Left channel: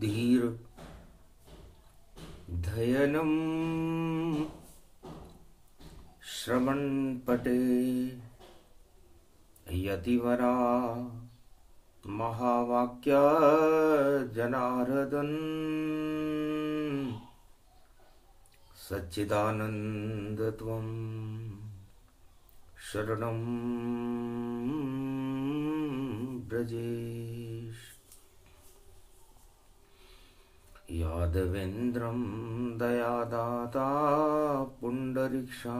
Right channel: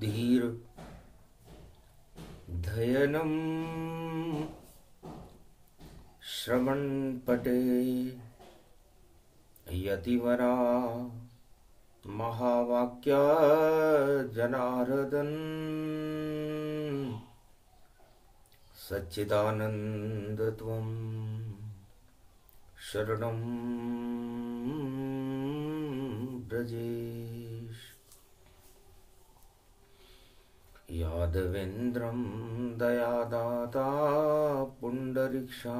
धीर धयनम श्रवण पटे यतिवरा महावाक्य जनार्दन सच्चिदानंद त्वं शरणं ब्रजेश। यादवेन्द्रं दयादाता पुंडरीक्षा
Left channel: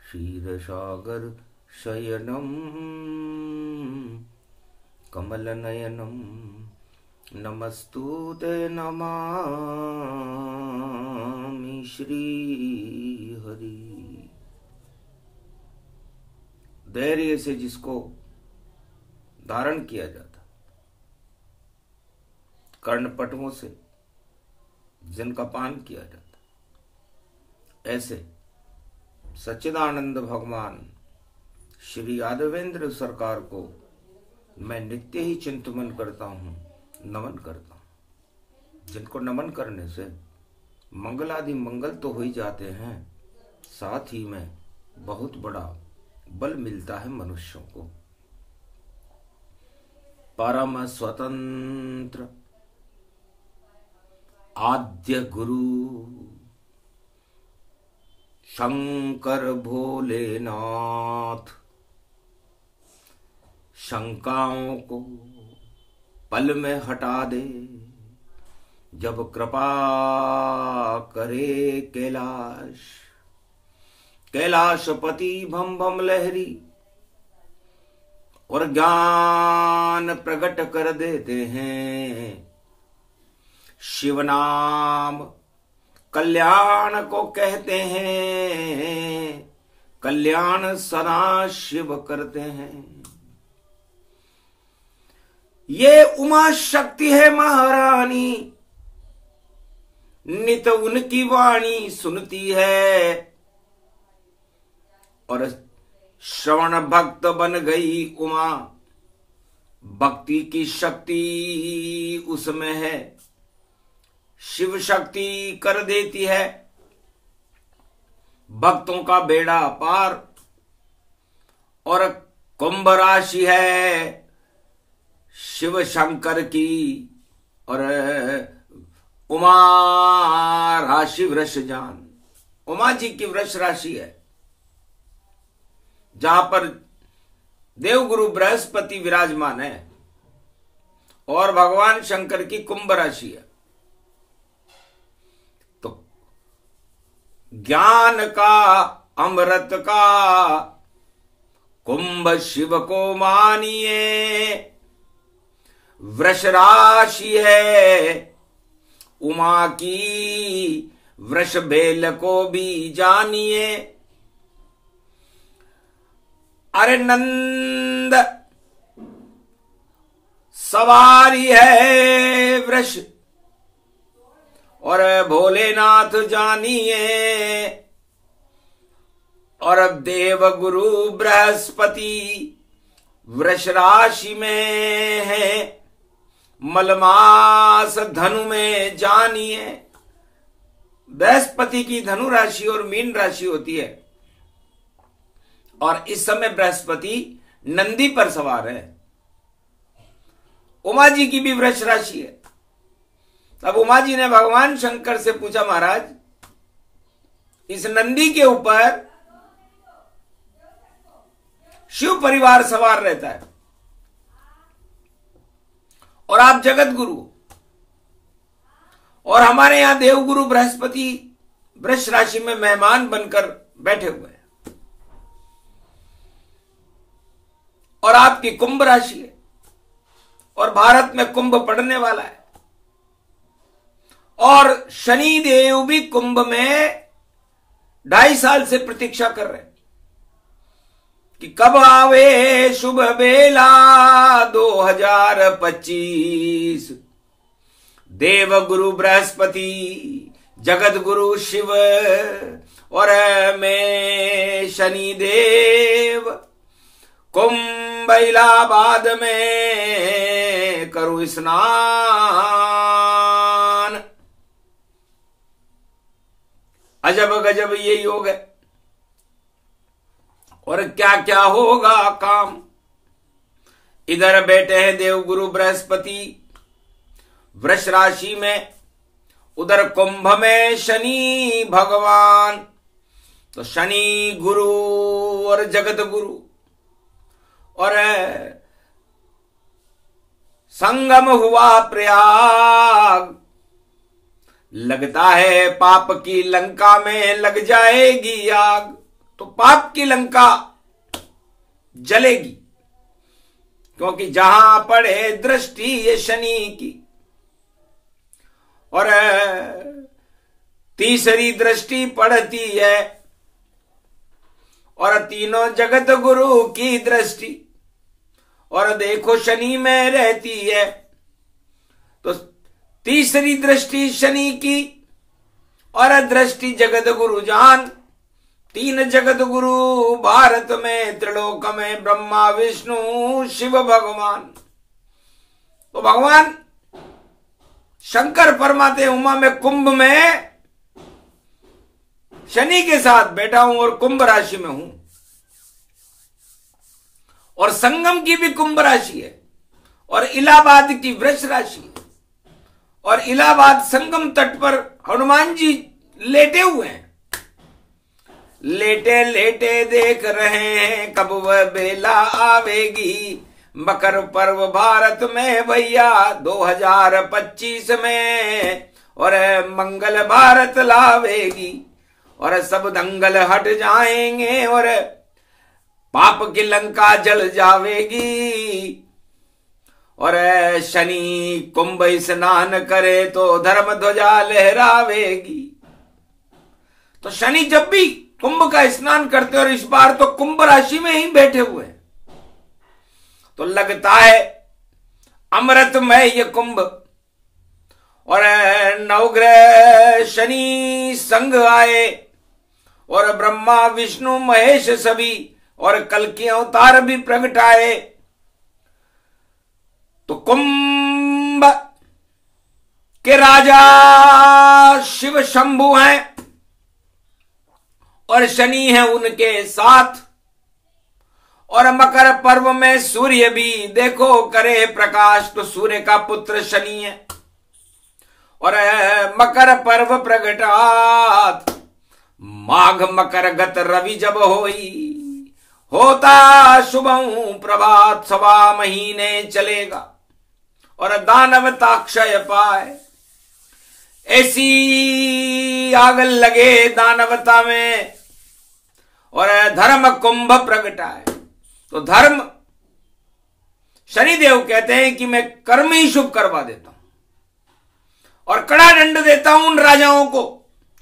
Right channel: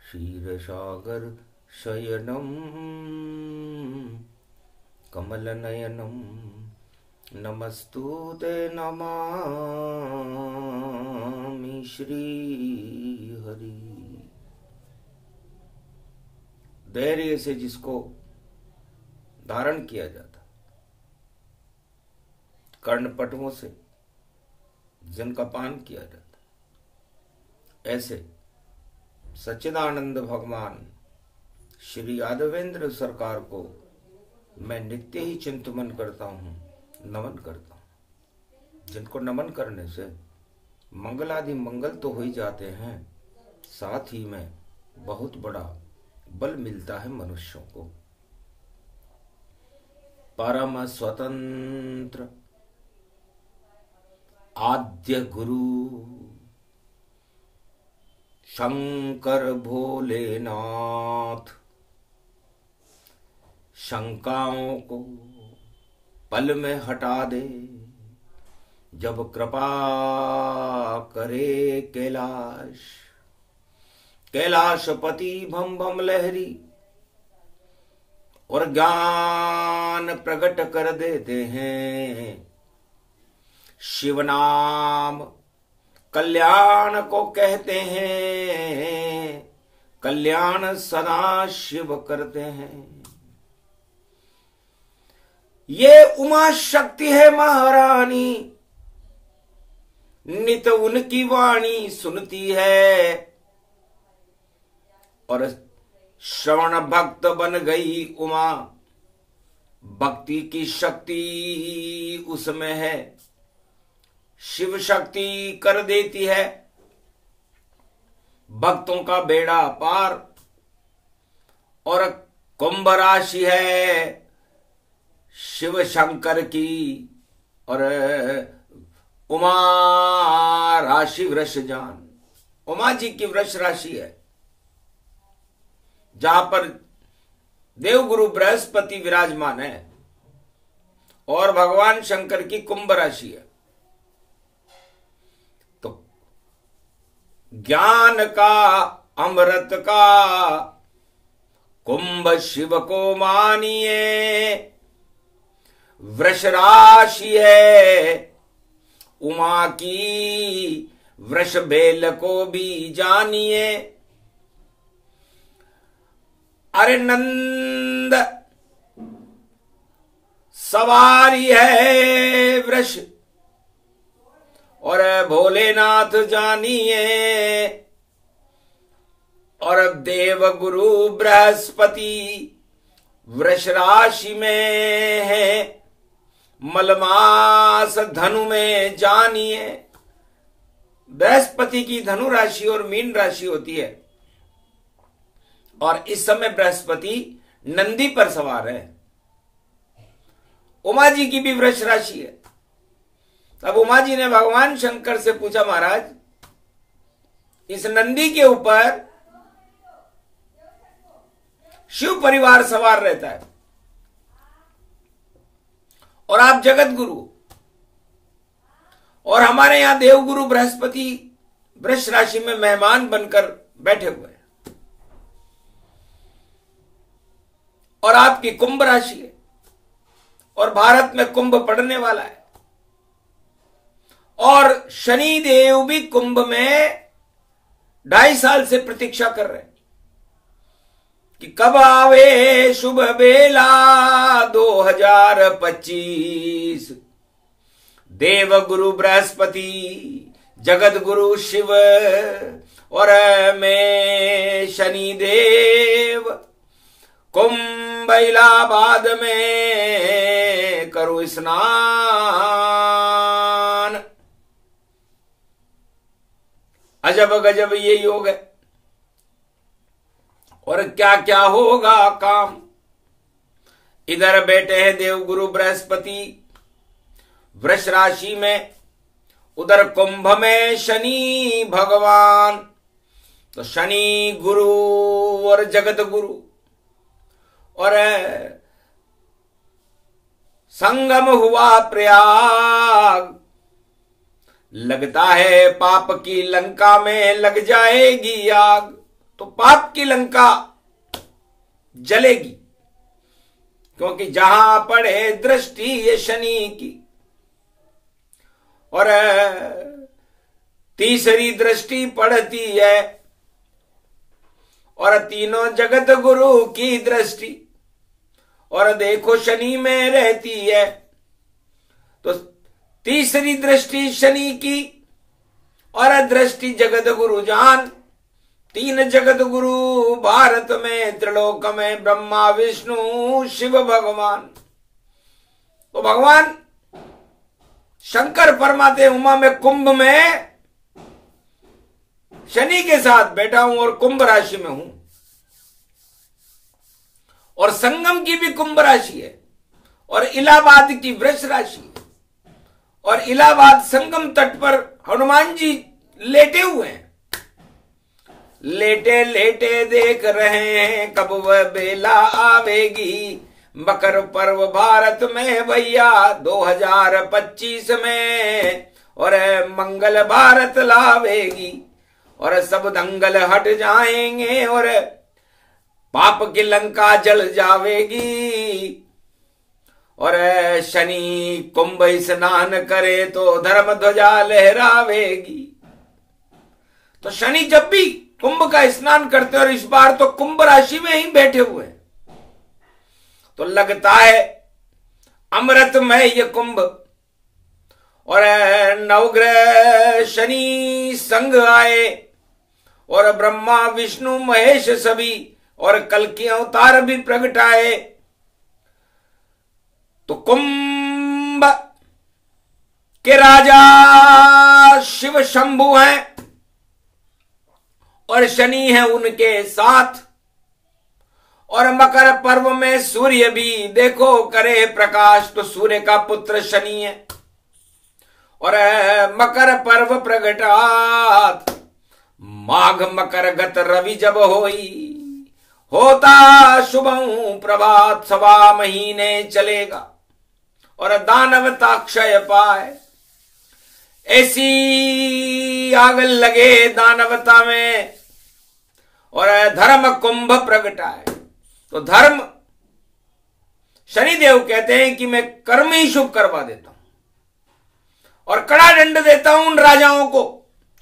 क्षीरसागर शयनं कमलनयनं नमस्तुते नमामि श्री हरि। धैर्य से जिसको धारण किया जाता, कर्णपटुओं से जिनका पान किया जाता, ऐसे सच्चिदानंद भगवान श्री यादवेंद्र सरकार को मैं नित्य ही चिंतन करता हूँ, नमन करता हूँ। जिनको नमन करने से मंगल आदि मंगल तो हो ही जाते हैं, साथ ही में बहुत बड़ा बल मिलता है मनुष्यों को। परम स्वतंत्र आद्य गुरु शंकर भोलेनाथ शंकाओं को पल में हटा दे, जब कृपा करे कैलाश। कैलाशपति भम भम लहरी और ज्ञान प्रकट कर देते हैं। शिव नाम कल्याण को कहते हैं, कल्याण सदा शिव करते हैं। ये उमा शक्ति है महारानी, नित उनकी वाणी सुनती है और श्रवण भक्त बन गई उमा। भक्ति की शक्ति उसमें है, शिव शक्ति कर देती है भक्तों का बेड़ा पार। और कुंभ राशि है शिव शंकर की, और उमा राशि वृष जान। उमा जी की वृष राशि है, जहां पर देवगुरु बृहस्पति विराजमान है, और भगवान शंकर की कुंभ राशि है। तो ज्ञान का अमृत का कुंभ शिव को मानिए। वृष राशि है उमा की, वृष बेल को भी जानिए। अरे नंद सवारी है वृष, और भोलेनाथ जानिए। और अब देव गुरु बृहस्पति वृष राशि में है, मलमास धनु में जानिए। बृहस्पति की धनु राशि और मीन राशि होती है, और इस समय बृहस्पति नंदी पर सवार है। उमा जी की भी वृष राशि है। तब उमा जी ने भगवान शंकर से पूछा, महाराज इस नंदी के ऊपर शिव परिवार सवार रहता है, और आप जगत गुरु, और हमारे यहां देवगुरु बृहस्पति वृष राशि में मेहमान बनकर बैठे हुए हैं, और आपकी कुंभ राशि है, और भारत में कुंभ पड़ने वाला है, और शनि देव भी कुंभ में 2.5 साल से प्रतीक्षा कर रहे हैं कि कब आवे शुभ बेला 2025। देव गुरु बृहस्पति, जगत गुरु शिव, और मैं शनि देव कुंभ इलाहाबाद में करूं स्नान। अजब गजब ये योग है। और क्या क्या होगा काम। इधर बैठे हैं देवगुरु बृहस्पति वृष राशि में, उधर कुंभ में शनि भगवान। तो शनि गुरु और जगत गुरु, और संगम हुआ प्रयाग। लगता है पाप की लंका में लग जाएगी आग। तो पाप की लंका जलेगी, क्योंकि जहां पड़े दृष्टि ये शनि की। और तीसरी दृष्टि पड़ती है, और तीनों जगत गुरु की दृष्टि, और देखो शनि में रहती है। तो तीसरी दृष्टि शनि की, और दृष्टि जगत गुरु जान। तीन जगत गुरु भारत में, त्रिलोक में ब्रह्मा विष्णु शिव भगवान। तो भगवान शंकर फरमाते उमा में कुंभ में शनि के साथ बैठा हूं और कुंभ राशि में हूं। और संगम की भी कुंभ राशि है, और इलाहाबाद की वृष राशि है। और इलाहाबाद संगम तट पर हनुमान जी लेटे हुए हैं। लेटे लेटे देख रहे हैं कब वह बेला आवेगी। मकर पर्व भारत में भैया 2025 में, और मंगल भारत लावेगी। और सब दंगल हट जाएंगे, और पाप की लंका जल जावेगी। और शनि कुंभ स्नान करे तो धर्म ध्वजा लहरावेगी। तो शनि जब भी कुंभ का स्नान करते, और इस बार तो कुंभ राशि में ही बैठे हुए हैं, तो लगता है अमृतमय ये कुंभ। और नवग्रह शनि संग आए, और ब्रह्मा विष्णु महेश सभी, और कल के अवतार भी प्रगटाए। तो कुंभ के राजा शिव शंभु हैं, और शनि है उनके साथ। और मकर पर्व में सूर्य भी देखो करे प्रकाश। तो सूर्य का पुत्र शनि है। और मकर पर्व प्रगटात, माघ मकर गत रवि जब होई। होता शुभं प्रभात, 1.25 महीने चलेगा, और दानवता क्षय पाए। ऐसी आग लगे दानवता में, और धर्म कुंभ प्रगटाए। तो धर्म, शनिदेव कहते हैं कि मैं कर्म ही शुभ करवा देता हूं, और कड़ा दंड देता हूं उन राजाओं को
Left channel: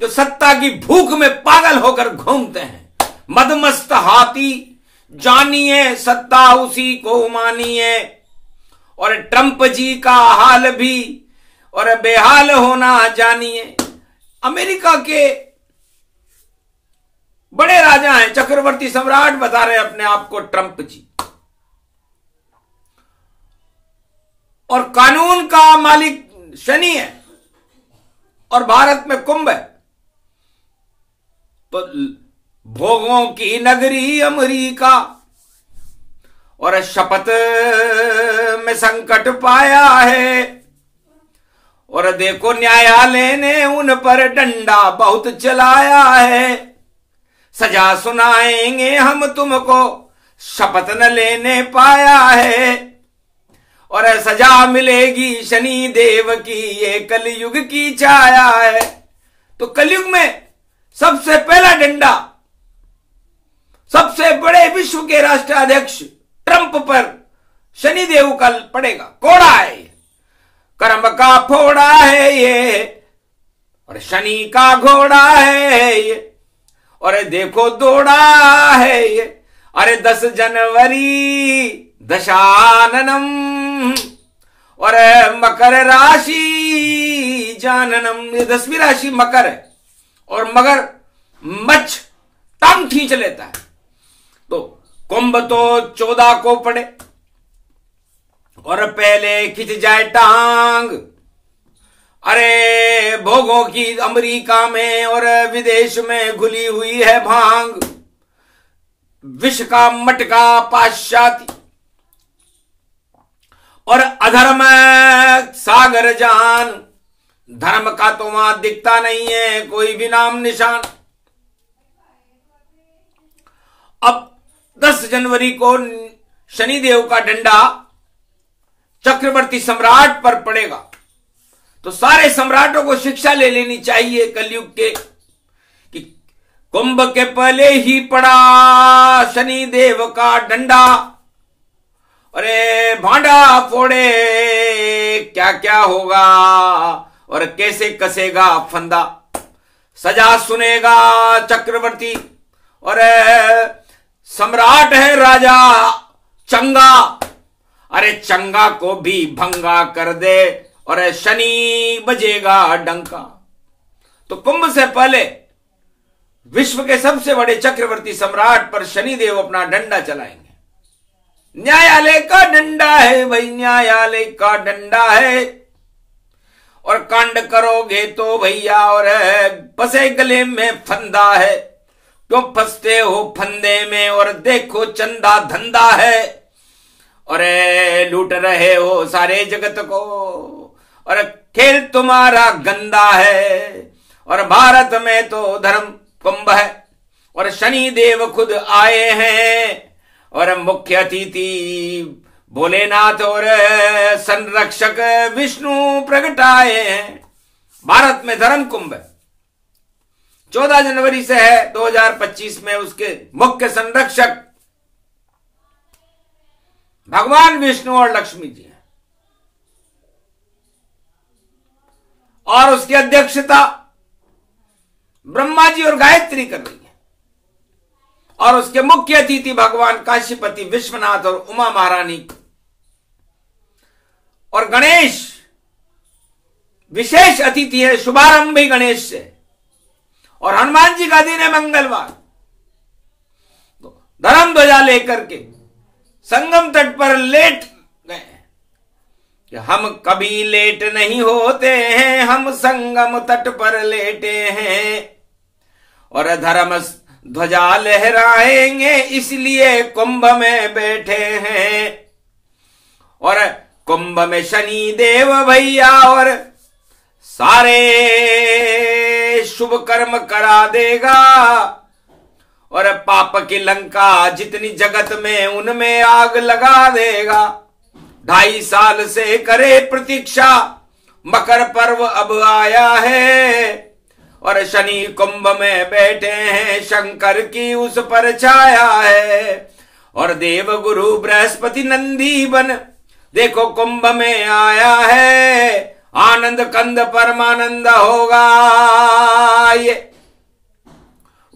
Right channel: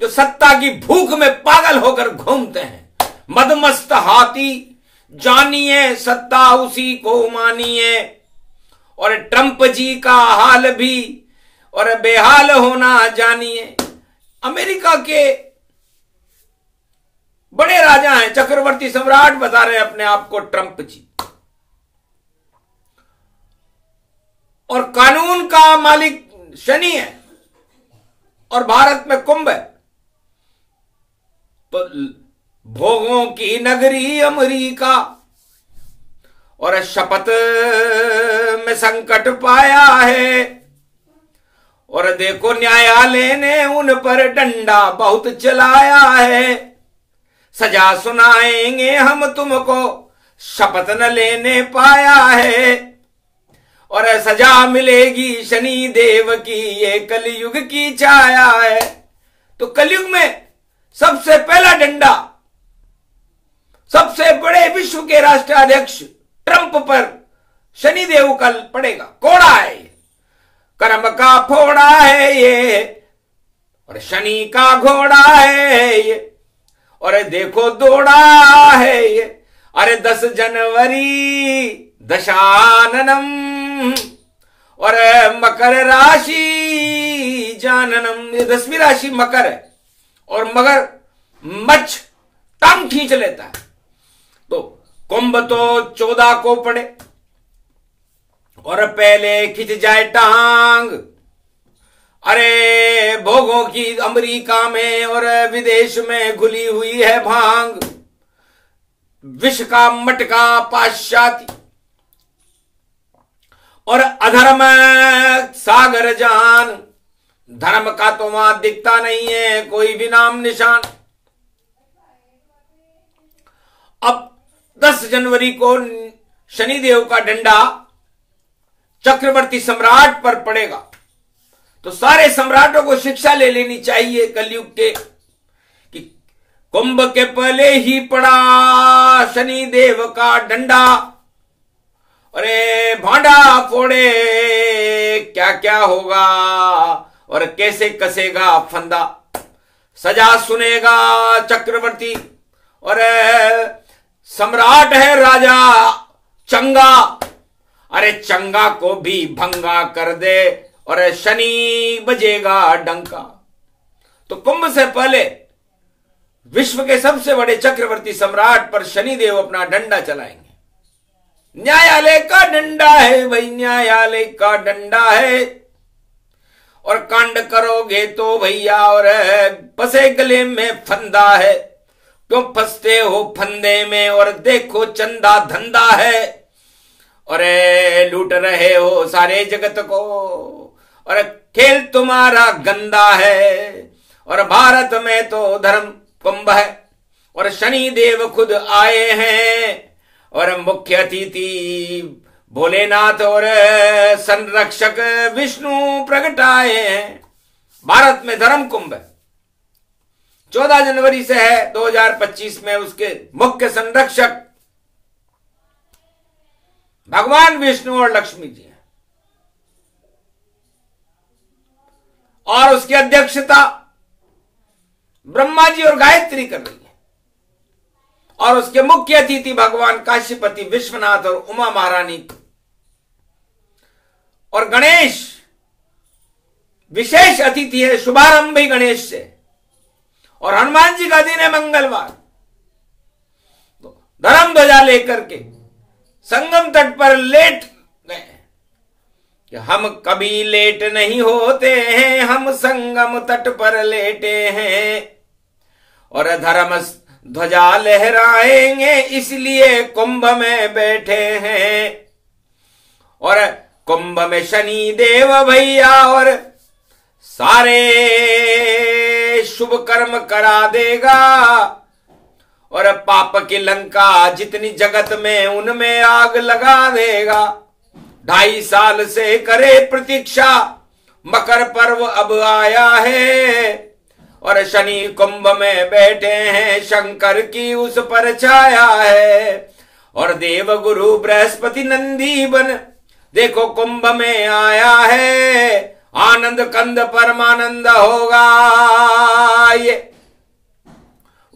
जो सत्ता की भूख में पागल होकर घूमते हैं। मदमस्त हाथी जानिए, सत्ता उसी को मानिए। और ट्रंप जी का हाल भी, और बेहाल होना जानिए। अमेरिका के बड़े राजा हैं, चक्रवर्ती सम्राट बता रहे अपने आप को ट्रंप जी। और कानून का मालिक शनि है, और भारत में कुंभ है। तो भोगों की नगरी अमेरिका, और शपथ में संकट पाया है। और देखो न्यायालय ने उन पर डंडा बहुत चलाया है। सजा सुनाएंगे हम तुमको, शपथ न लेने पाया है। और सजा मिलेगी शनि देव की, ये कलयुग की छाया है। तो कलयुग में सबसे पहला डंडा सबसे बड़े विश्व के राष्ट्राध्यक्ष ट्रंप पर शनिदेव का पड़ेगा। कोड़ा है ये, कर्म का फोड़ा है ये, और शनि का घोड़ा है ये। और देखो दौड़ा है ये, अरे 10 जनवरी दशाननम, और मकर राशि जाननम। ये 10वीं राशि मकर है, और मगर मच्छ टांग खींच लेता है। तो कुंभ तो 14 को पड़े, और पहले खिंच जाए टांग। अरे भोगों की अमेरिका में और विदेश में घुली हुई है भांग, विष का मटका पाश्चात्य और अधर्म सागर जान। धर्म का तो वहां दिखता नहीं है कोई भी नाम निशान। अब 10 जनवरी को शनिदेव का डंडा चक्रवर्ती सम्राट पर पड़ेगा, तो सारे सम्राटों को शिक्षा ले लेनी चाहिए कलयुग के कि कुंभ के पहले ही पड़ा शनिदेव का डंडा। अरे भांडा फोड़े क्या क्या होगा और कैसे कसेगा फंदा। सजा सुनेगा चक्रवर्ती और सम्राट है राजा चंगा। अरे चंगा को भी भंगा कर दे और शनि बजेगा डंका। तो कुंभ से पहले विश्व के सबसे बड़े चक्रवर्ती सम्राट पर शनिदेव अपना डंडा चलाएंगे। न्यायालय का डंडा है भाई, न्यायालय का डंडा है। और कांड करोगे तो भैया और फंसे गले में फंदा है। क्यों फंसते हो फंदे में और देखो चंदा धंधा है। और लूट रहे हो सारे जगत को और खेल तुम्हारा गंदा है। और भारत में तो धर्म कुंभ है और शनि देव खुद आए हैं और मुख्य अतिथि भोलेनाथ और संरक्षक विष्णु प्रगटाए हैं। भारत में धर्म कुंभ है, 14 जनवरी से है 2025 में। उसके मुख्य संरक्षक भगवान विष्णु और लक्ष्मी जी हैं और उसकी अध्यक्षता ब्रह्मा जी और गायत्री कर रही है। और उसके मुख्य अतिथि भगवान काशीपति विश्वनाथ और उमा महारानी और गणेश विशेष अतिथि है। शुभारंभ भी गणेश से और हनुमान जी का दिन है मंगलवार। तो धर्म ध्वजा लेकर के संगम तट पर लेट गए। हम कभी लेट नहीं होते हैं, हम संगम तट पर लेटे हैं और धर्म ध्वजा लहराएंगे इसलिए कुंभ में बैठे हैं। और कुंभ में शनि देव भैया और सारे शुभ कर्म करा देगा और पाप की लंका जितनी जगत में उनमें आग लगा देगा। 2.5 साल से करे प्रतीक्षा, मकर पर्व अब आया है और शनि कुंभ में बैठे हैं, शंकर की उस पर छाया है। और देव गुरु बृहस्पति नंदी बन देखो कुंभ में आया है। आनंद कंद परमानंद होगा ये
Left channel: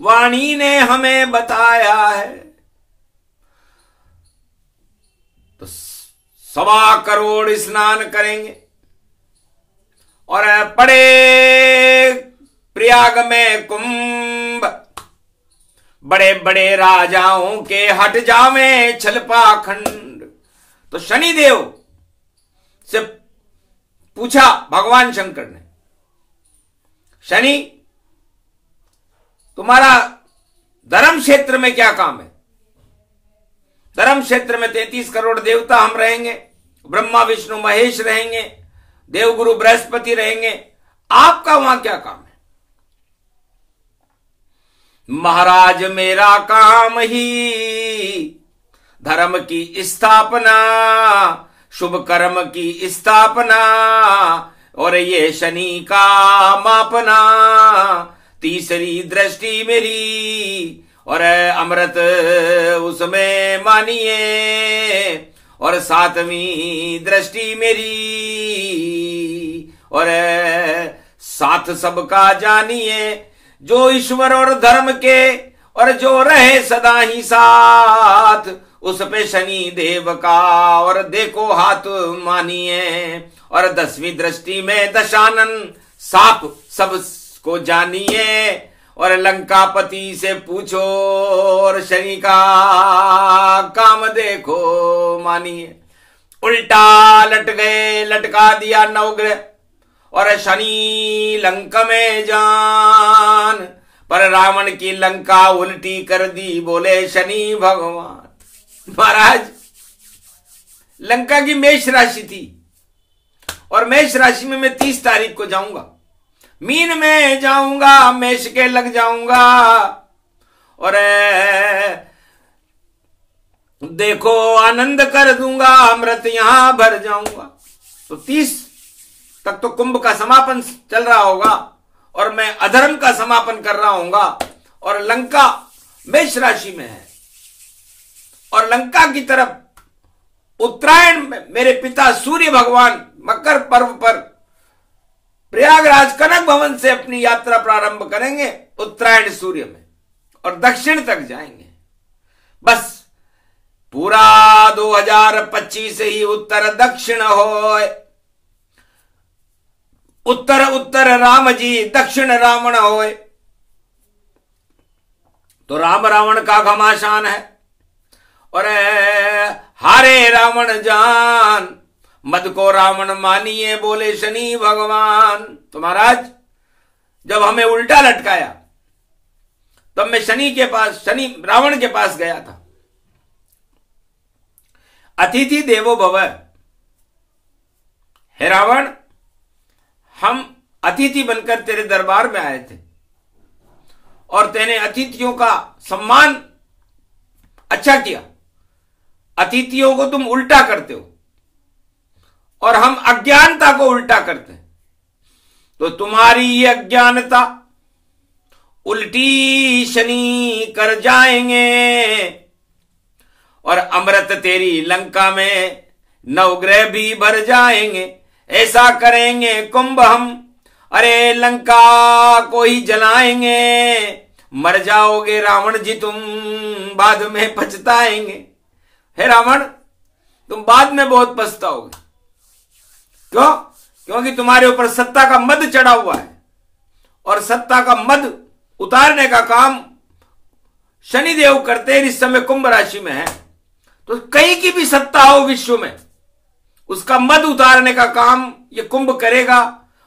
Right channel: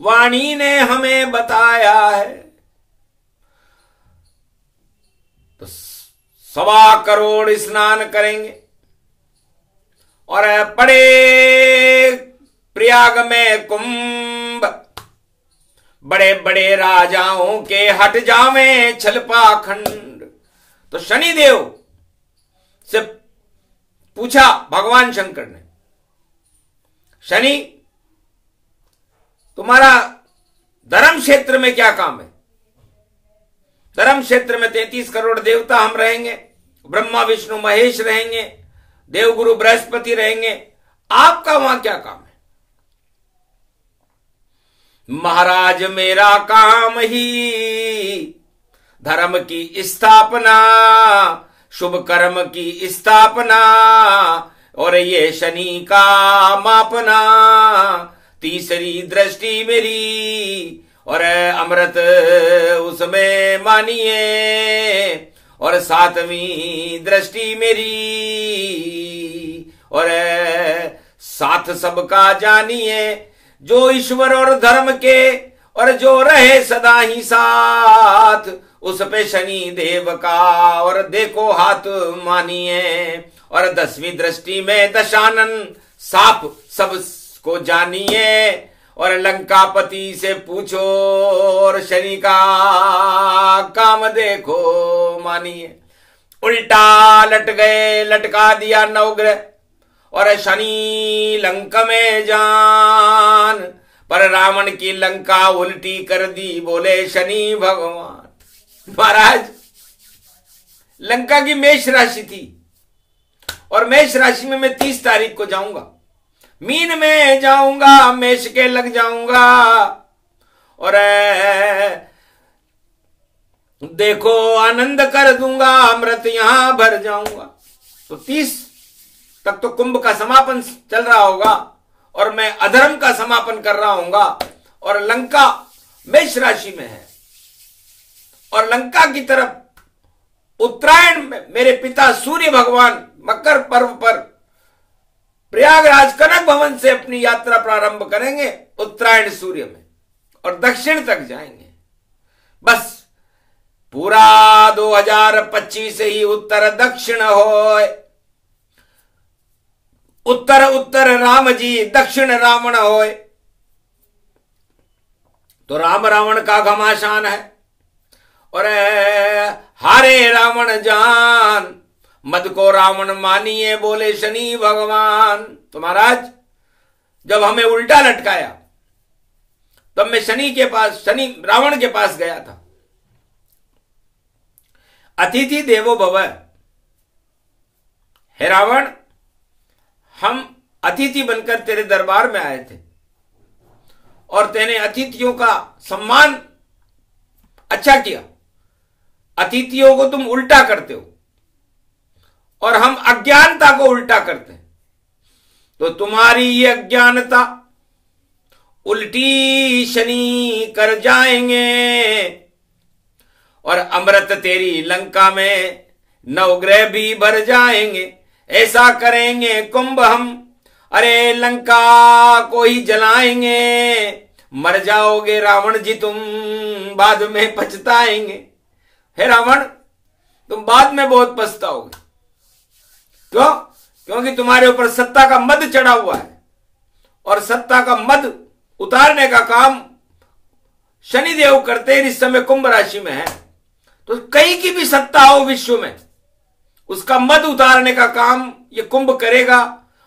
वाणी ने हमें बताया है। तो 1.25 करोड़ स्नान करेंगे और पड़े प्रयाग में कुंभ। बड़े बड़े राजाओं के हट जावें छलपाखंड। तो शनिदेव से पूछा भगवान शंकर ने, शनि तुम्हारा धर्म क्षेत्र में क्या काम है? धर्म क्षेत्र में 33 करोड़ देवता हम रहेंगे, ब्रह्मा विष्णु महेश रहेंगे, देवगुरु बृहस्पति रहेंगे, आपका वहां क्या काम है? महाराज मेरा काम ही धर्म की स्थापना, शुभ कर्म की स्थापना और ये शनि का मापना। तीसरी दृष्टि मेरी और अमृत उसमें मानिए और 7वीं दृष्टि मेरी और साथ सबका जानिए। जो ईश्वर और धर्म के और जो रहे सदा ही साथ, उस पे शनि देव का और देखो हाथ मानिए। और 10वीं दृष्टि में दशानन साप सब को जानिए और लंकापति से पूछो और शनि का काम देखो मानिए। उल्टा लट गए, लटका दिया नवग्रह और शनि लंका में जान, पर रावण की लंका उल्टी कर दी, बोले शनि भगवान। महाराज लंका की मेष राशि थी और मेष राशि में मैं 30 तारीख को जाऊंगा, मीन में जाऊंगा, मेष के लग जाऊंगा और देखो आनंद कर दूंगा, अमृत यहां भर जाऊंगा। तो 30 तक तो कुंभ का समापन चल रहा होगा और मैं अधर्म का समापन कर रहा हूंगा और लंका मेष राशि में है और लंका की तरफ उत्तरायण में मेरे पिता सूर्य भगवान मकर पर्व पर प्रयागराज कनक भवन से अपनी यात्रा प्रारंभ करेंगे उत्तरायण सूर्य में और दक्षिण तक जाएंगे। बस पूरा 2025 ही उत्तर दक्षिण होए, उत्तर उत्तर राम जी, दक्षिण रावण होए। तो राम रावण का घमासान है और हारे रावण जान, मद को रावण मानिए, बोले शनि भगवान। तो महाराज जब हमें उल्टा लटकाया तब मैं शनि रावण के पास गया था। अतिथि देवो भव, हे रावण हम अतिथि बनकर तेरे दरबार में आए थे और तेने अतिथियों का सम्मान अच्छा किया, अतिथियों को तुम उल्टा करते हो और हम अज्ञानता को उल्टा करते हैं। तो तुम्हारी ये अज्ञानता उल्टी शनि कर जाएंगे और अमृत तेरी लंका में नवग्रह भी भर जाएंगे। ऐसा करेंगे कुंभ हम, अरे लंका को ही जलाएंगे, मर जाओगे रावण जी तुम, बाद में पछताएंगे। हे रावण तुम बाद में बहुत पछताओगे। क्यों? क्योंकि तुम्हारे ऊपर सत्ता का मद चढ़ा हुआ है और सत्ता का मद उतारने का काम शनिदेव करते हैं। इस समय कुंभ राशि में है तो कहीं की भी सत्ता हो विश्व में, उसका मद उतारने का काम ये कुंभ करेगा।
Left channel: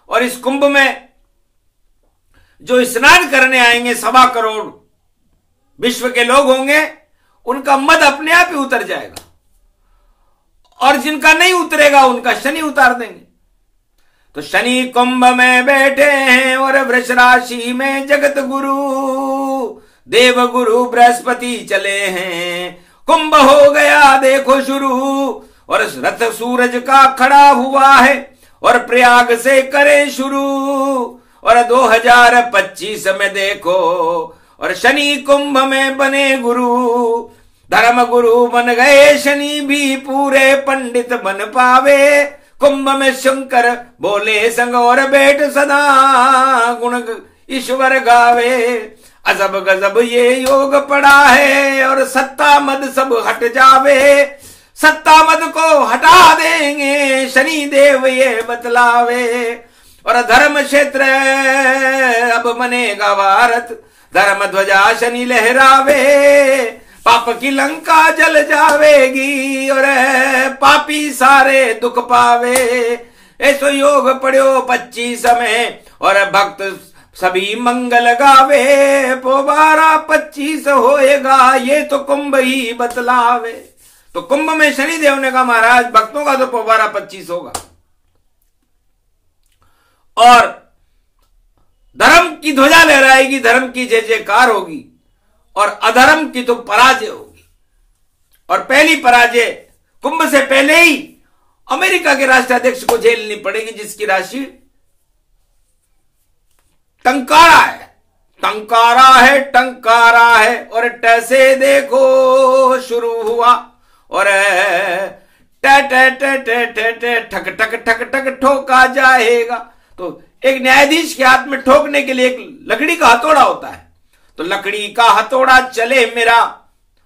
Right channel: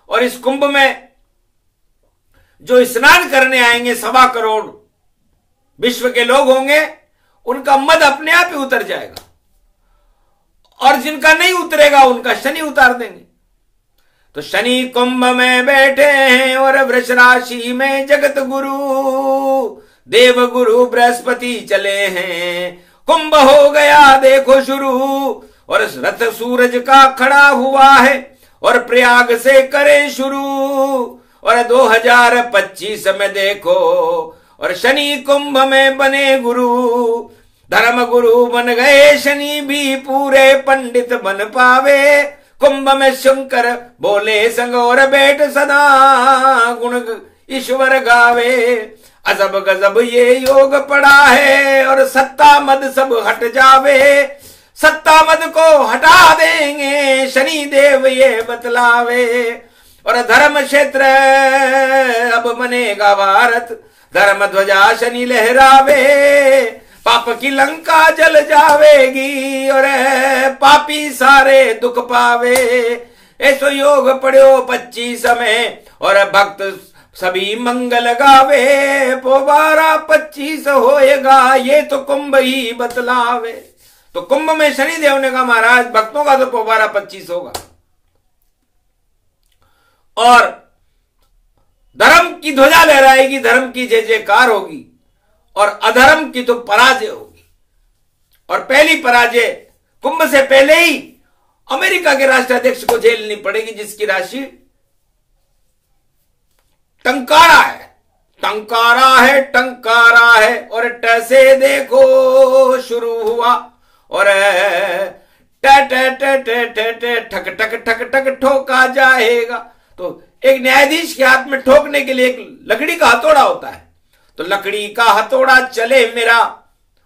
और इस कुंभ में जो स्नान करने आएंगे 1.25 करोड़ विश्व के लोग होंगे, उनका मद अपने आप ही उतर जाएगा और जिनका नहीं उतरेगा उनका शनि उतार देंगे। तो शनि कुंभ में बैठे हैं और वृष राशि में जगत गुरु देव गुरु बृहस्पति चले हैं। कुंभ हो गया देखो शुरू और रथ सूरज का खड़ा हुआ है और प्रयाग से करे शुरू और 2025 में देखो और शनि कुंभ में बने गुरु, धर्म गुरु बन गए शनि भी पूरे पंडित बन पावे। कुंभ में शंकर बोले संग और बैठ सदा गुण ईश्वर गावे। अजब गजब ये योग पड़ा है और सत्ता मद सब हट जावे। सत्ता मद को हटा देंगे शनि देव ये बतलावे और धर्म क्षेत्र अब बनेगा भारत, धर्म ध्वजा शनि लहरावे। पाप की लंका जल जावेगी और पापी सारे दुख पावे। ऐसो योग पढ़ो 25 में और भक्त सभी मंगल गावे। पोबारा 25 होएगा ये तो कुंभ ही बतलावे। तो कुंभ में शनि देव ने कहा महाराज भक्तों का तो पोबारा 25 होगा और धर्म की ध्वजा लहराएगी, धर्म की जय जयकार होगी और अधर्म की तो पराजय होगी। और पहली पराजय कुंभ से पहले ही अमेरिका के राष्ट्राध्यक्ष को झेलनी पड़ेगी जिसकी राशि टंकारा है, टंकारा है, टंकारा है। और टैसे देखो शुरू हुआ और ठक ठक ठक ठक ठोका जाएगा। तो एक न्यायाधीश के हाथ में ठोकने के लिए एक लकड़ी का हथौड़ा होता है, तो लकड़ी का हथौड़ा चले मेरा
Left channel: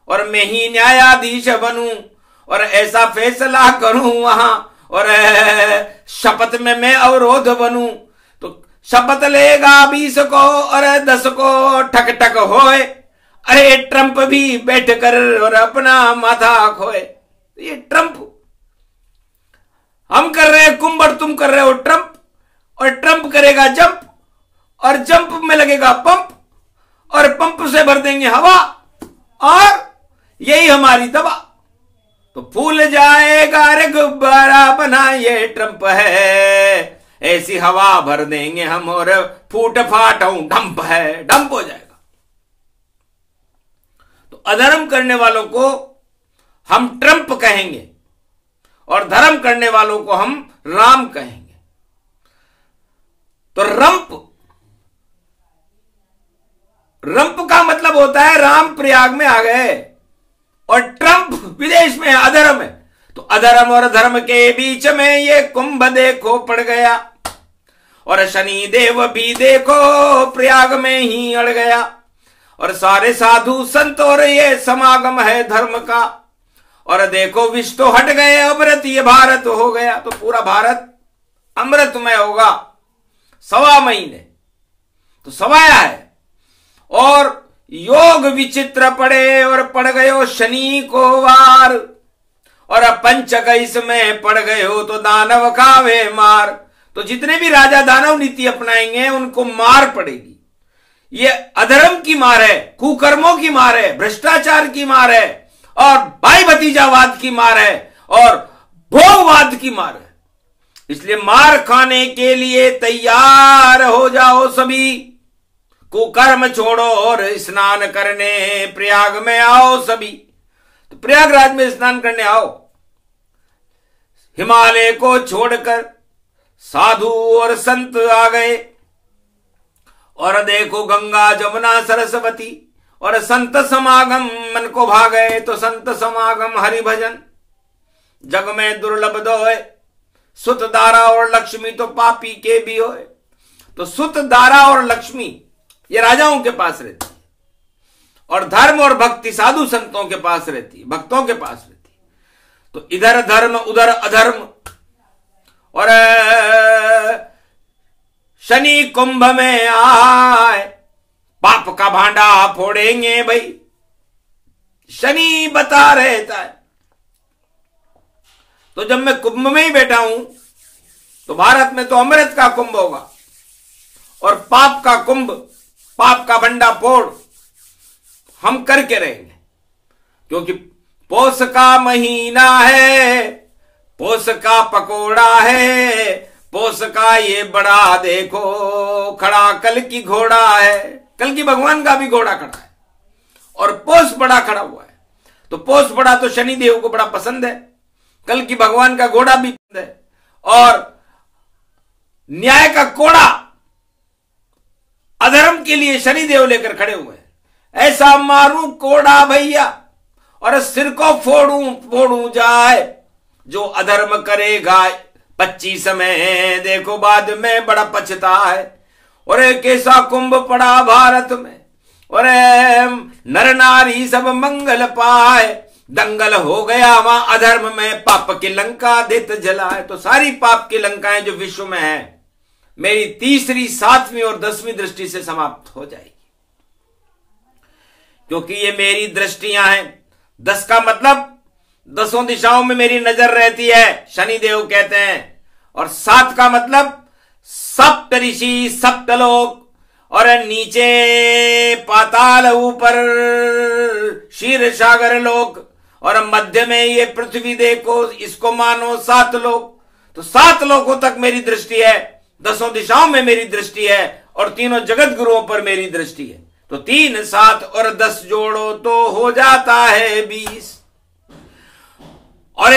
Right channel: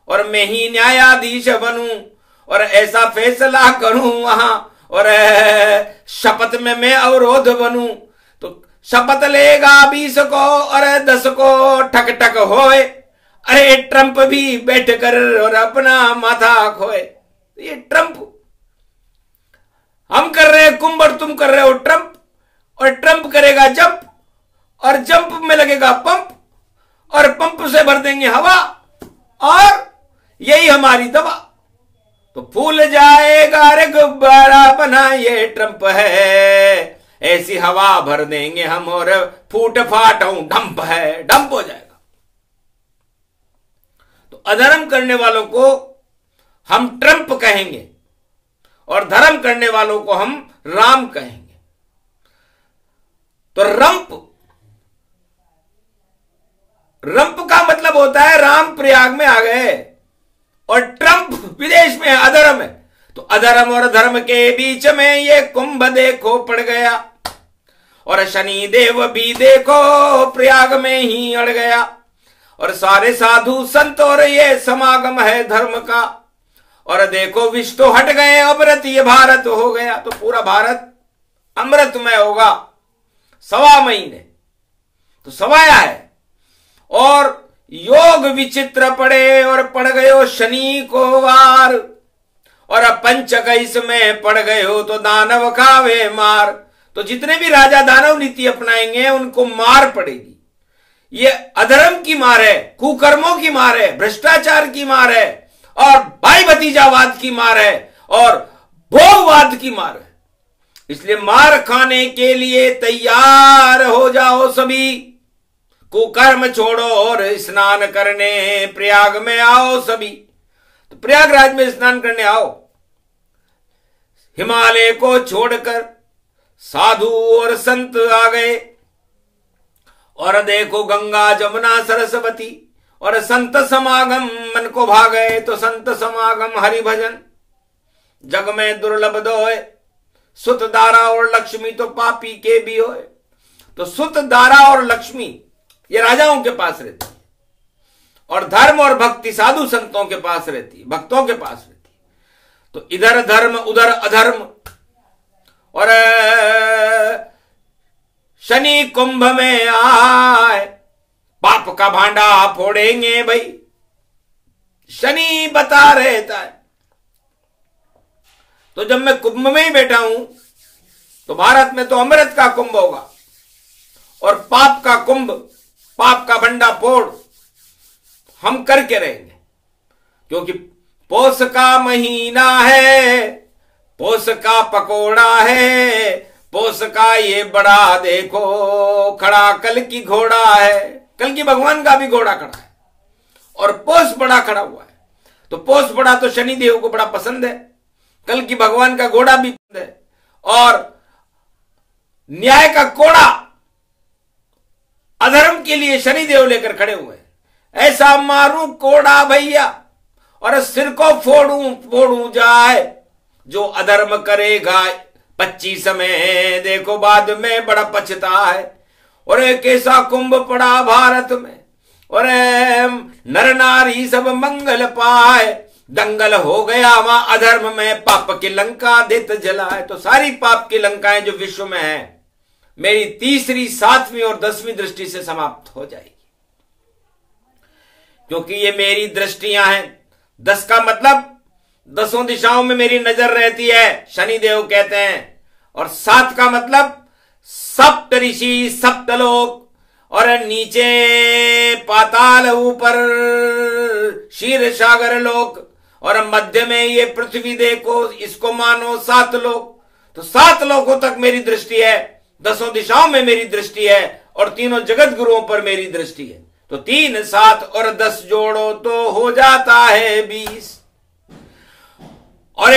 और मैं ही न्यायाधीश बनूं और ऐसा फैसला करूं वहां और शपथ में मैं अवरोध बनूं। तो शपथ लेगा 20 को और 10 को ठक ठक होए। अरे ट्रंप भी बैठ कर और अपना माथा खोए। ये ट्रंप हम कर रहे हैं कुंभ और तुम कर रहे हो ट्रंप, और ट्रंप करेगा जंप, और जंप में लगेगा पंप, और पंप से भर देंगे हवा, और यही हमारी दवा। तो फूल जाएगा रे गुब्बारा बना ये ट्रंप है, ऐसी हवा भर देंगे हम और फूट फाट डंप है, डंप हो जाएगा। तो अधर्म करने वालों को हम ट्रंप कहेंगे और धर्म करने वालों को हम राम कहेंगे। तो रंप का मतलब होता है राम प्रयाग में आ गए, और ट्रंप विदेश में है, अधर्म है। तो अधर्म और धर्म के बीच में ये कुंभ देखो पड़ गया, और शनि देव भी देखो प्रयाग में ही अड़ गया, और सारे साधु संत और ये समागम है धर्म का, और देखो विष तो हट गए अमृत ये भारत हो गया। तो पूरा भारत अमृतमय होगा 1.25 महीने, तो सवाया है। और योग विचित्र पड़े और पड़ गयो शनि को वार, और पंचकइस में पड़ गए हो तो दानव खावे मार। तो जितने भी राजा दानव नीति अपनाएंगे उनको मार पड़ेगी। ये अधर्म की मार है, कुकर्मों की मार है, भ्रष्टाचार की मार है, और भाई भतीजावाद की मार है, और भोगवाद की मार है। इसलिए मार खाने के लिए तैयार हो जाओ सभी, कुकर्म छोड़ो और स्नान करने प्रयाग में आओ सभी। तो प्रयागराज में स्नान करने आओ। हिमालय को छोड़कर साधु और संत आ गए, और देखो गंगा जमुना सरस्वती, और संत समागम मन को भा गए। तो संत समागम हरि भजन जग में दुर्लभ दोए, सुत दारा और लक्ष्मी तो पापी के भी होए। तो सुत दारा और लक्ष्मी ये राजाओं के पास रहती है, और धर्म और भक्ति साधु संतों के पास रहती है, भक्तों के पास रहती है। तो इधर धर्म उधर अधर्म, और शनि कुंभ में आए पाप का भांडा फोड़ेंगे भाई, शनि बता रहता है। तो जब मैं कुंभ में ही बैठा हूं तो भारत में तो अमृत का कुंभ होगा, और पाप का कुंभ, पाप का भंडा फोड़ हम करके रहेंगे। क्योंकि पौष का महीना है, पौष का पकोड़ा है, पौष का ये बड़ा देखो खड़ा कल की घोड़ा है। कल की भगवान का भी घोड़ा खड़ा है, और पौष बड़ा खड़ा हुआ है। तो पौष बड़ा तो शनि देव को बड़ा पसंद है, कल की भगवान का घोड़ा भी पसंद है, और न्याय का कोड़ा अधर्म के लिए शनि देव लेकर खड़े हुए हैं। ऐसा मारूं कोड़ा भैया और सिर को फोड़ू जाए, जो अधर्म करेगा 25 में देखो बाद में बड़ा पछता है। और एक ऐसा कुंभ पड़ा भारत में, और नर नारी सब मंगल पाए, दंगल हो गया वहां अधर्म में, पाप की लंका देत जलाए। तो सारी पाप की लंकाएं जो विश्व में है मेरी तीसरी, 7वीं और 10वीं दृष्टि से समाप्त हो जाएगी, क्योंकि ये मेरी दृष्टियां हैं। 10 का मतलब 10 दिशाओं में मेरी नजर रहती है, शनि देव कहते हैं। और 7 का मतलब सप्त ऋषि, सप्तलोक, और नीचे पाताल, ऊपर क्षीर सागर लोक, और मध्य में ये पृथ्वी देखो, इसको मानो 7 लोक। तो 7 लोकों तक मेरी दृष्टि है, 10 दिशाओं में मेरी दृष्टि है, और तीनों जगत गुरुओं पर मेरी दृष्टि है। तो 3, 7 और 10 जोड़ो तो हो जाता है 20। और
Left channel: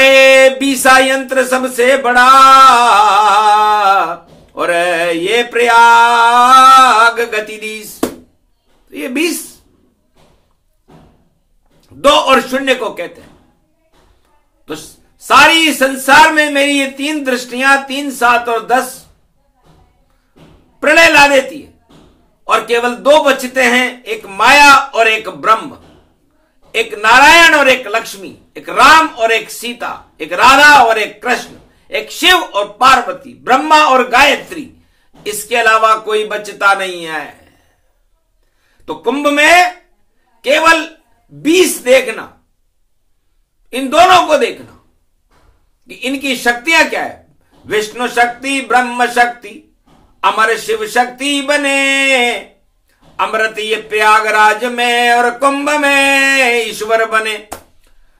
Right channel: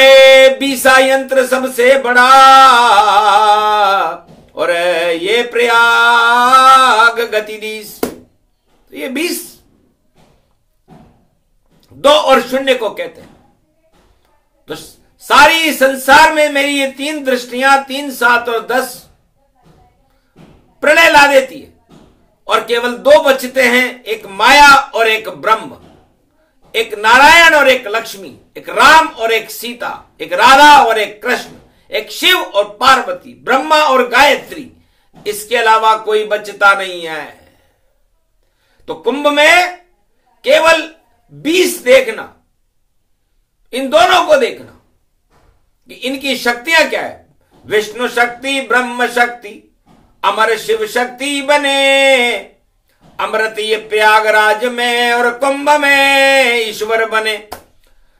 20 यंत्र सबसे बड़ा, और ये प्रयाग गति 20। तो ये 20 2 और 0 को कहते हैं। तो सारी संसार में मेरी ये 3 दृष्टियां, 3, 7 और 10 प्रलय ला देती है, और केवल 2 बचते हैं, एक माया और एक ब्रह्म, एक नारायण और एक लक्ष्मी, एक राम और एक सीता, एक राधा और एक कृष्ण, एक शिव और पार्वती, ब्रह्मा और गायत्री। इसके अलावा कोई बचता नहीं है। तो कुंभ में केवल 20 देखना, इन दोनों को देखना कि इनकी शक्तियां क्या है। विष्णु शक्ति ब्रह्म शक्ति अमर शिव शक्ति बने। अमृत ये प्रयागराज में और कुंभ में ईश्वर बने।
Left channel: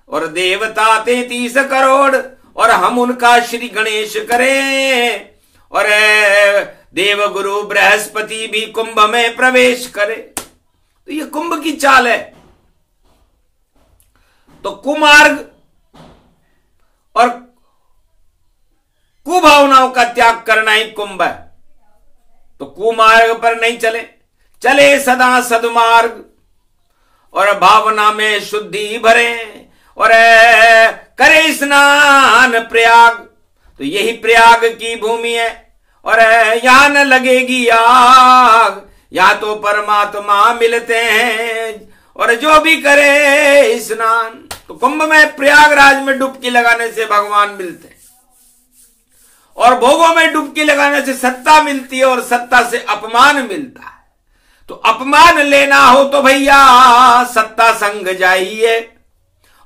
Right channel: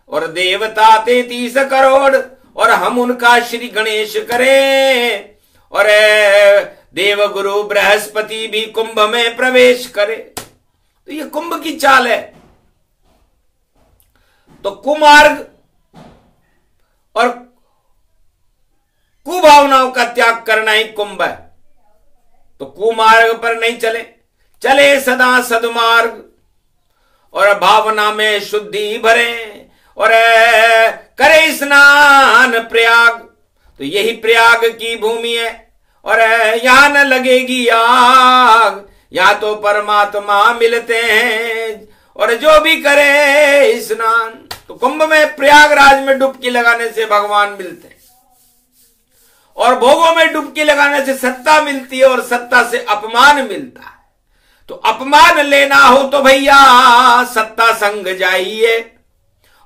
और देवता 33 करोड़ और हम उनका श्री गणेश करें। और देव गुरु बृहस्पति भी कुंभ में प्रवेश करे। तो ये कुंभ की चाल है। तो कुमार्ग और कुभावनाओं का त्याग करना ही कुंभ है। तो कुमार्ग पर नहीं चले, चले सदा सदमार्ग और भावना में शुद्धि भरे और करे स्नान प्रयाग। तो यही प्रयाग की भूमि है और यहां न लगेगी आग। यहां तो परमात्मा मिलते हैं और जो भी करे स्नान। तो कुंभ में प्रयागराज में डुबकी लगाने से भगवान मिलते हैं और भोगों में डुबकी लगाने से सत्ता मिलती है और सत्ता से अपमान मिलता है। तो अपमान लेना हो तो भैया सत्ता संग जाइए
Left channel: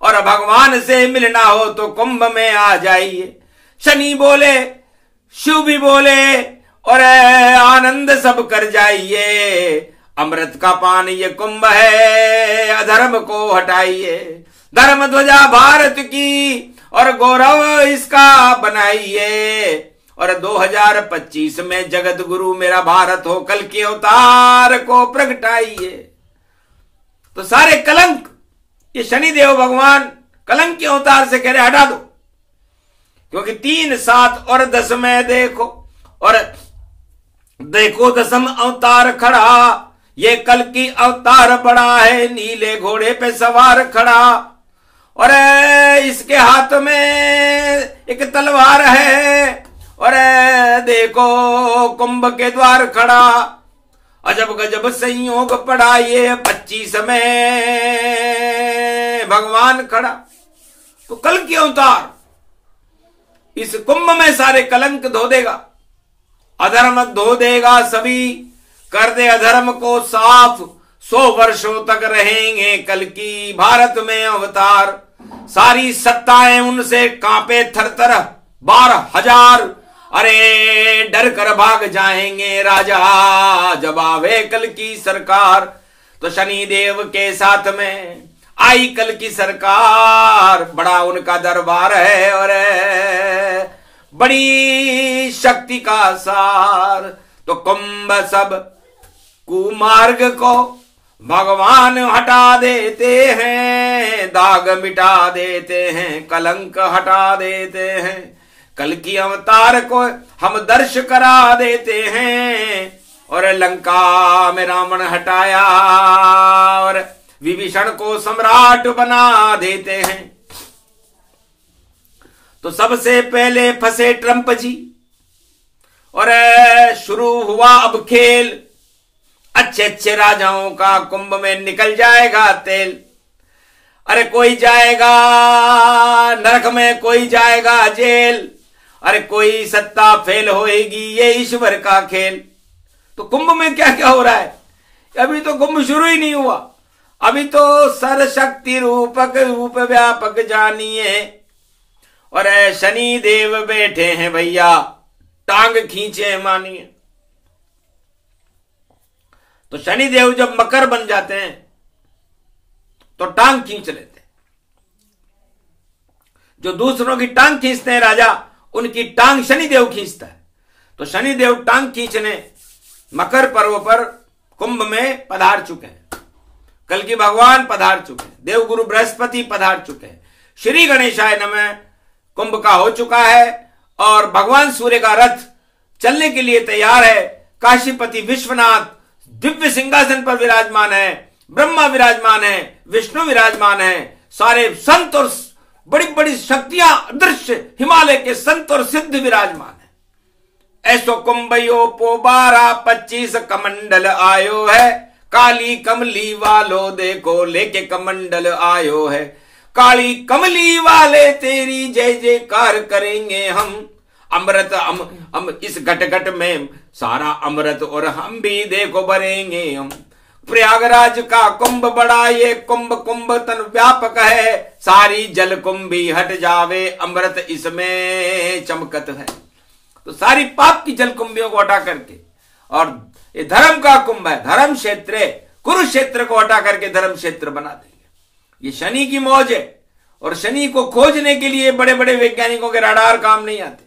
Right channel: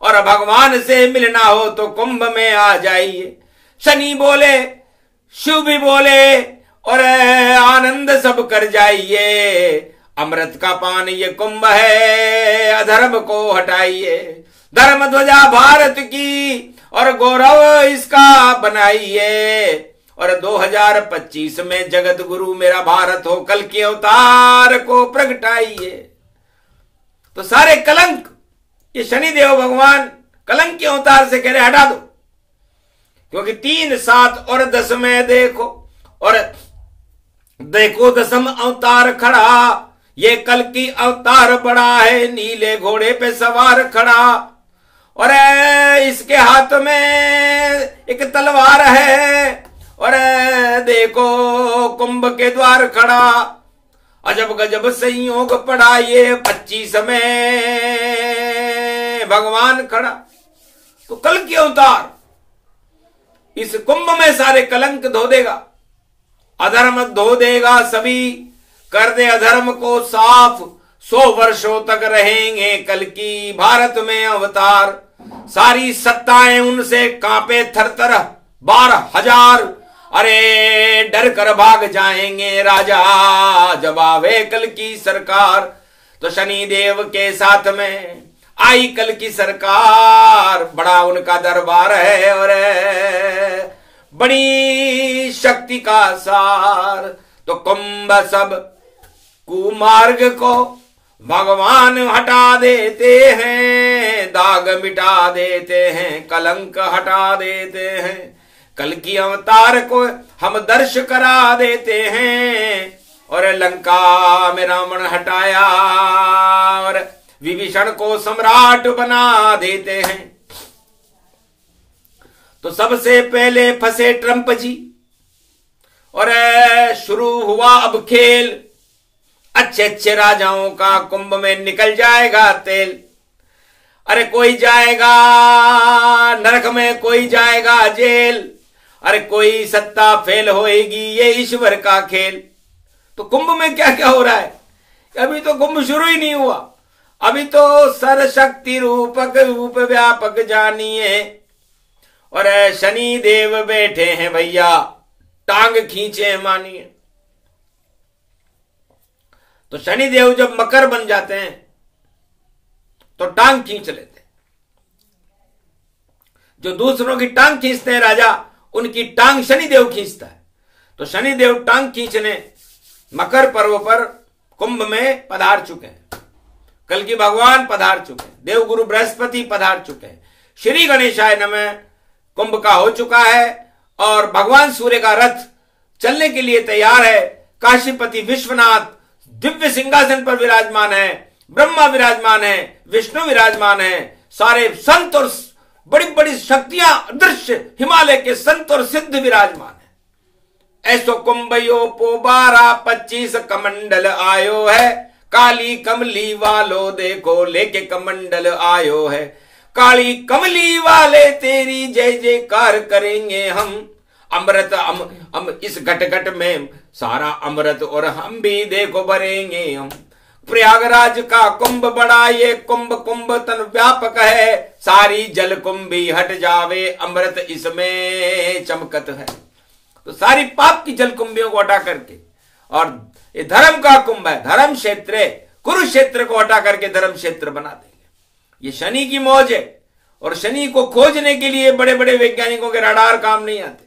और भगवान से मिलना हो तो कुंभ में आ जाइए। शनि बोले शिव भी बोले और आनंद सब कर जाइए। अमृत का पान ये कुंभ है, अधर्म को हटाइए। धर्म ध्वजा भारत की और गौरव इसका बनाइए। और 2025 में जगत गुरु मेरा भारत हो, कल के अवतार को प्रगटाइए। तो सारे कलंक ये शनिदेव भगवान कलंक के अवतार से कह रहे हटा दो। क्योंकि 3, 7 और 10 में देखो और देखो 10म अवतार खड़ा। ये कल की अवतार बड़ा है, नीले घोड़े पे सवार खड़ा और इसके हाथ में एक तलवार है। और देखो कुंभ के द्वार खड़ा। अजब गजब संयोग पड़ा ये 25 में भगवान खड़ा। तो कल की अवतार इस कुंभ में सारे कलंक धो देगा, अधर्म धो देगा सभी, कर दे अधर्म को साफ। 100 वर्षों तक रहेंगे कल की भारत में अवतार। सारी सत्ताएं उनसे कांपे थरथर 12,000। अरे डर कर भाग जाएंगे राजा जब आवे कल की सरकार। तो शनि देव के साथ में आई कल की सरकार। बड़ा उनका दरबार है और बड़ी शक्ति का सार। तो कुंभ सब कुमार्ग को भगवान हटा देते हैं, दाग मिटा देते हैं, कलंक हटा देते हैं। कल की अवतार को हम दर्श करा देते हैं और लंका में रावण हटाया और विभीषण को सम्राट बना देते हैं। तो सबसे पहले फंसे ट्रंप जी और शुरू हुआ अब खेल। अच्छे अच्छे राजाओं का कुंभ में निकल जाएगा तेल। अरे कोई जाएगा नरक में, कोई जाएगा जेल। अरे कोई सत्ता फेल होएगी, ये ईश्वर का खेल। तो कुंभ में क्या क्या हो रहा है? अभी तो कुंभ शुरू ही नहीं हुआ। अभी तो सर्वशक्ति रूपक रूप व्यापक जानिए। और शनि देव बैठे हैं भैया, टांग खींचे मानिए। तो शनि देव जब मकर बन जाते हैं तो टांग खींच लेते हैं। जो दूसरों की टांग खींचते हैं राजा, उनकी टांग शनिदेव खींचता है। तो शनिदेव टांग खींचने मकर पर्व पर कुंभ में पधार चुके हैं। कल की भगवान पधार चुके हैं, देवगुरु बृहस्पति पधार चुके हैं। श्री गणेशाय नमः कुंभ का हो चुका है और भगवान सूर्य का रथ चलने के लिए तैयार है। काशीपति विश्वनाथ दिव्य सिंहासन पर विराजमान है, ब्रह्मा विराजमान है, विष्णु विराजमान है। सारे संत और बड़ी बड़ी शक्तियां अदृश्य हिमालय के संत और सिद्ध विराजमान है। ऐसो कुंभयो पो 12-25 कमंडल आयो है। काली कमली वालो देखो लेके कमंडल आयो है। काली कमली वाले तेरी जय जयकार करेंगे हम। अमृत इस घट घट में सारा अमृत और हम भी देखो भरेंगे हम। प्रयागराज का कुंभ बड़ा ये कुंभ कुंभ तन व्यापक है। सारी जल कुंभी हट जावे, अमृत इसमें चमकत है। तो सारी पाप की जलकुंभियों को हटा करके, और ये धर्म का कुंभ है, धर्म क्षेत्र, कुरुक्षेत्र को हटा करके धर्म क्षेत्र बना देंगे। ये शनि की मौज है, और शनि को खोजने के लिए बड़े बड़े वैज्ञानिकों के रडार काम नहीं आते।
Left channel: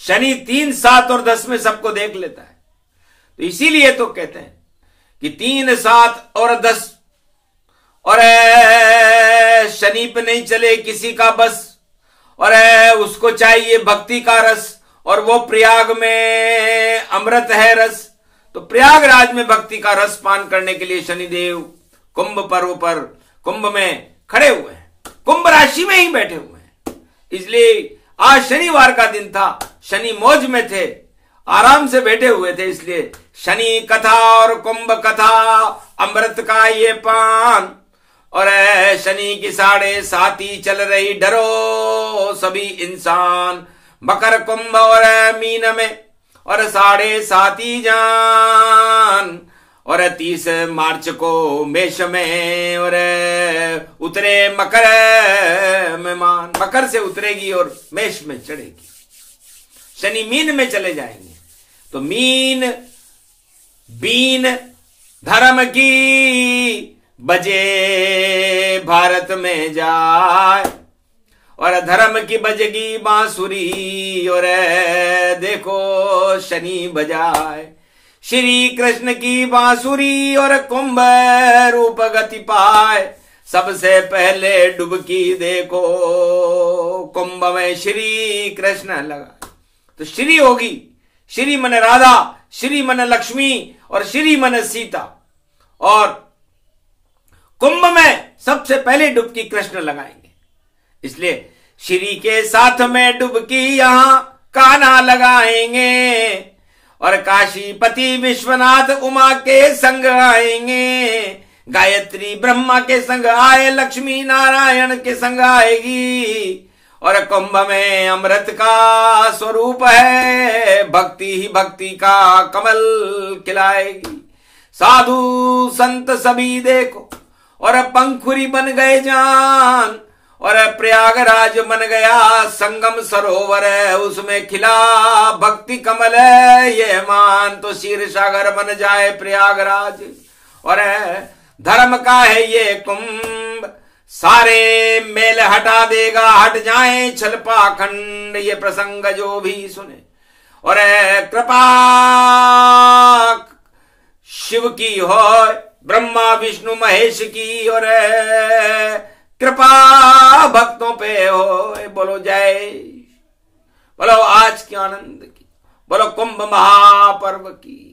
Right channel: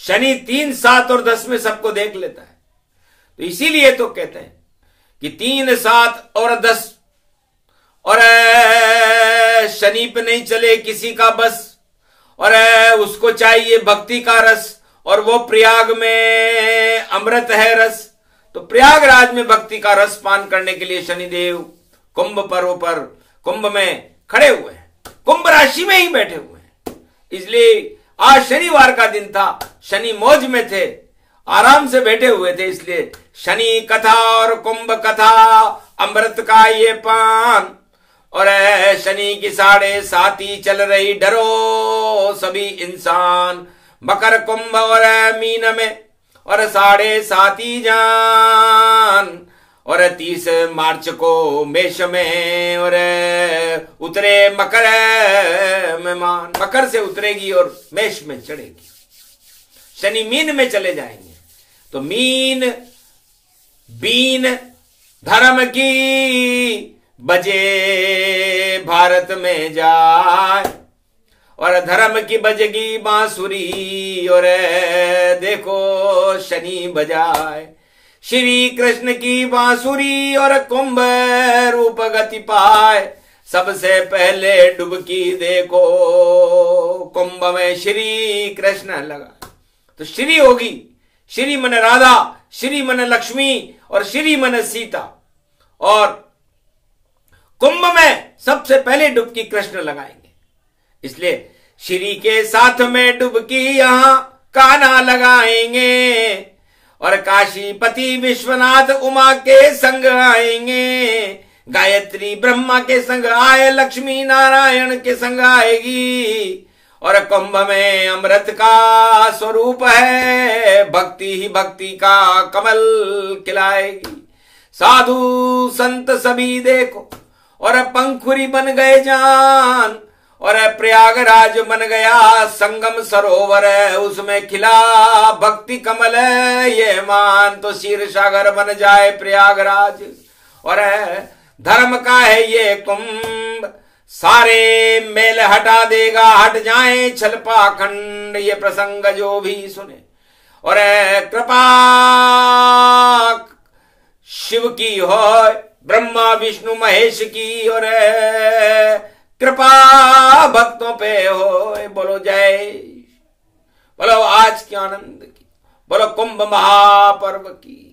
शनि 3, 7 और 10 में सबको देख लेता है। तो इसीलिए तो कहते हैं कि 3, 7 और 10, और शनि पे नहीं चले किसी का बस, और उसको चाहिए भक्ति का रस, और वो प्रयाग में अमृत है रस। तो प्रयागराज में भक्ति का रस पान करने के लिए शनिदेव कुंभ पर्व पर कुंभ में खड़े हुए हैं, कुंभ राशि में ही बैठे हुए हैं। इसलिए आज शनिवार का दिन था, शनि मौज में थे, आराम से बैठे हुए थे। इसलिए शनि कथा और कुंभ कथा, अमृत का ये पान, और शनि की 7.5 चल रही, डरो सभी इंसान। मकर, कुंभ और मीन में, और 7.5 जान, और 30 मार्च को मेष में, और उतरे मकर में मान, मकर से उतरेगी और मेष में चढ़ेगी। शनि मीन में चले जाएंगे। तो मीन बीन धर्म की बजे भारत में जाए, और धर्म की बजेगी बांसुरी, और देखो शनि बजाए श्री कृष्ण की बांसुरी, और कुंभ रूप गति पाए। सबसे पहले डुबकी देखो कुंभ में श्री कृष्ण लगा। तो श्री होगी, श्री मन राधा, श्री मन लक्ष्मी, और श्री मन सीता, और कुंभ में सबसे पहले डुबकी कृष्ण लगाएंगे। इसलिए श्री के साथ में डुबकी यहां कान्हा लगाएंगे, और काशीपति विश्वनाथ उमा के संग आएंगे। गायत्री ब्रह्मा के संग आए, लक्ष्मी नारायण के संग आएगी। और कुंभ में अमृत का स्वरूप है, भक्ति ही भक्ति का कमल खिलाएगी। साधु संत सभी देखो, और पंखुरी बन गए जान, और प्रयागराज बन गया संगम सरोवर है, उसमें खिला भक्ति कमल है ये मान। तो क्षीर सागर बन जाए प्रयागराज, और धर्म का है ये कुंभ, सारे मेल हटा देगा, हट जाए छल पाखंड। ये प्रसंग जो भी सुने, और कृपा शिव की हो, ब्रह्मा विष्णु महेश की, और कृपा भक्तों पे हो। बोलो जय, बोलो आज के आनंद की, बोलो कुंभ महापर्व की।